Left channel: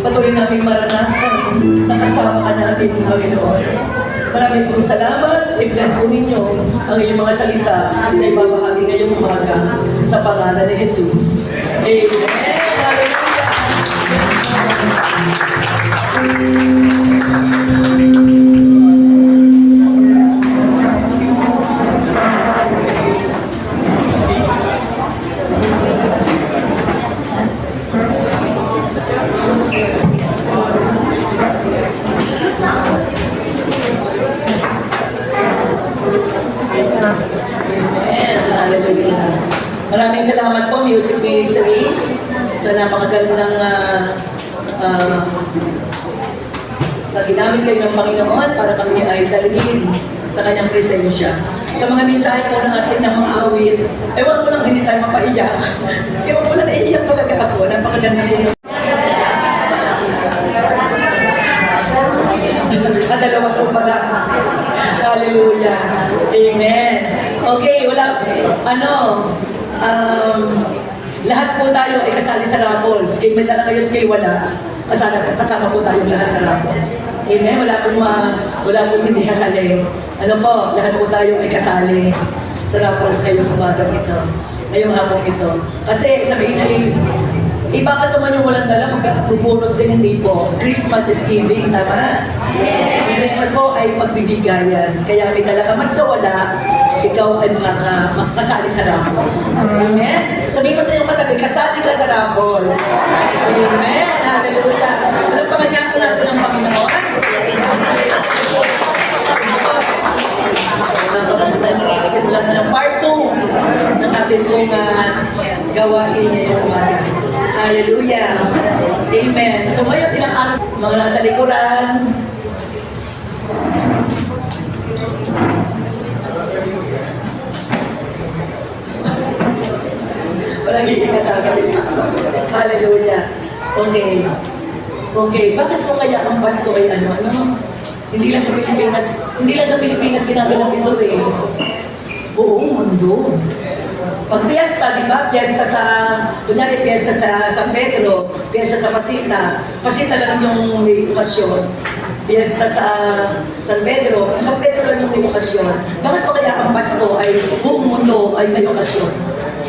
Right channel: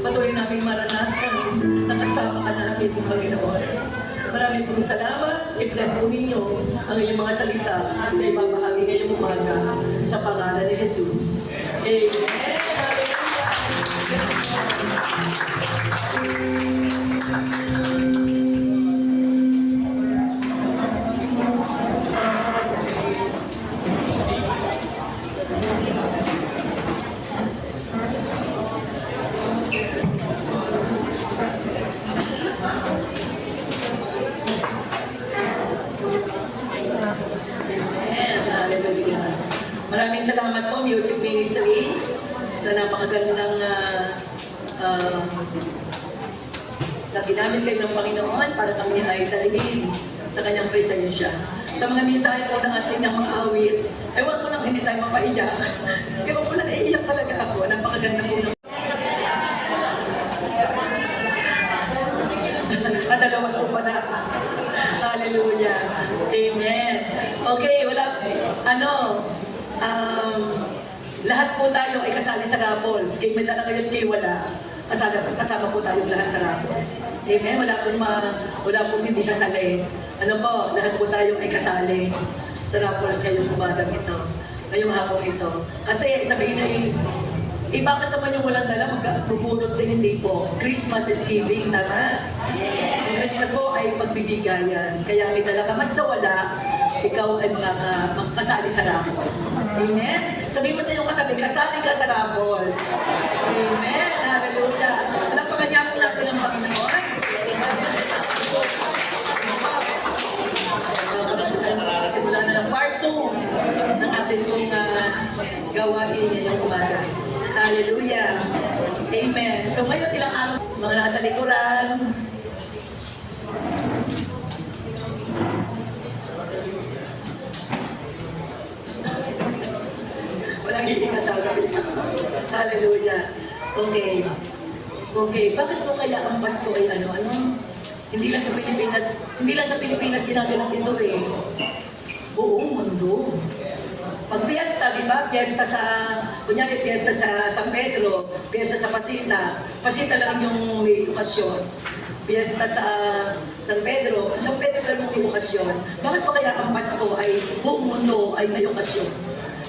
patuloy namin maranasan na kasama ka namin, Panginoon. Maraming pong salamat. I-bless po ninyo ang inyong mga salita na ibabahagi ngayong umaga sa pangalan ni Jesus. Amen. Maraming salamat po, Music Ministry, sa napakagandang na ginamit kayo ng Panginoon para kami ay dalhin sa kanyang presensya. Sa mga mensahe po ng ating ng mga awit, ewan ko lang hindi tayo mapaiyak. Ewan ko lang naiiyak talaga ako. Napakaganda po ng dalawa to pala. Hallelujah. Amen. Okay, lahat po tayo ay kasali sa Raffles. Kay may dala kayo at kay wala. Kasama po tayo lahat sa Raffles. Amen. Wala pong hindi kasali. Lahat po tayo ay kasali sa Raffles ngayong umagang ito. Ngayong hapong ito. Kasi sabihin na bakit naman yung walang dala, magpupulot din, hindi po. Christmas is giving, tama? Ang Christmas po ay pagbibigayan. Kaya may dala ka man sa wala, ikaw ay makakasali sa Raffles. Amen? Sabihin mo sa iyong katabi, kasali ka sa Raffles. Amen? Hallelujah. Walang pakanyakan natin ang Panginoon. Simulan na ng part 2 ng ating pong gawain ngayong umaga. Hallelujah. Amen. So ngayon, ilang araw, mga nasa likuran. Walang hihinga sa Kristo. Hallelujah. Okay. Okay. Bakit po kaya ang Pasko ay Hindi lang sa Pilipinas ginagawa ito eh. Buong mundo. Pag piyesta, di ba? Piyesta sa San Pedro, piyesta sa Pasita lang yung may okasyon. Piyesta sa San Pedro lang yung may okasyon. Bakit pa kaya ang Pasko ay buong mundo ay may okasyon?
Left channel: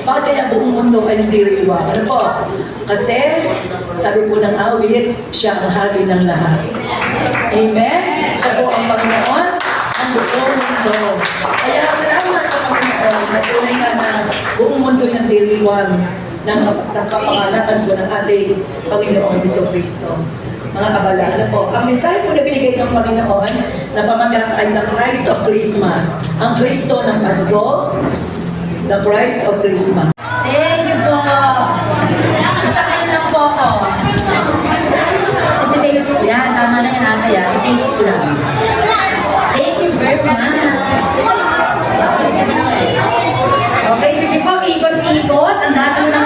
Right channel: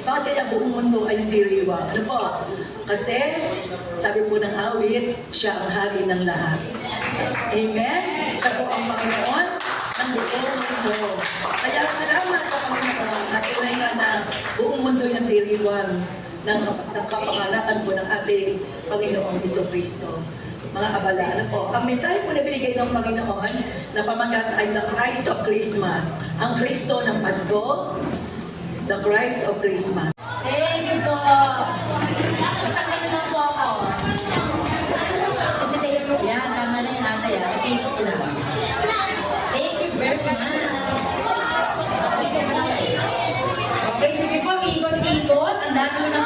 Bakit kaya buong mundo ay nagdiriwang? Ano po? Kasi, sabi po ng awit, siya ang hari ng lahat. Amen? Siya po ang Panginoon ng buong mundo. Kaya salamat sa Panginoon na tunay nga na buong mundo ay nagdiriwang ng kapangalatan po ng ating Panginoon Jesucristo. Mga kabalala po. Ang mensahe po na binigay ng Panginoon na pamagat ay the Christ of Christmas. Ang Kristo ng Pasko, the Christ of Christmas. Thank you po. Isakin lang po ako. Taste yan. Tama na yan kaya. Taste lang. Thank you very much. Okay, sige po. Ikot-ikot. Ang dami na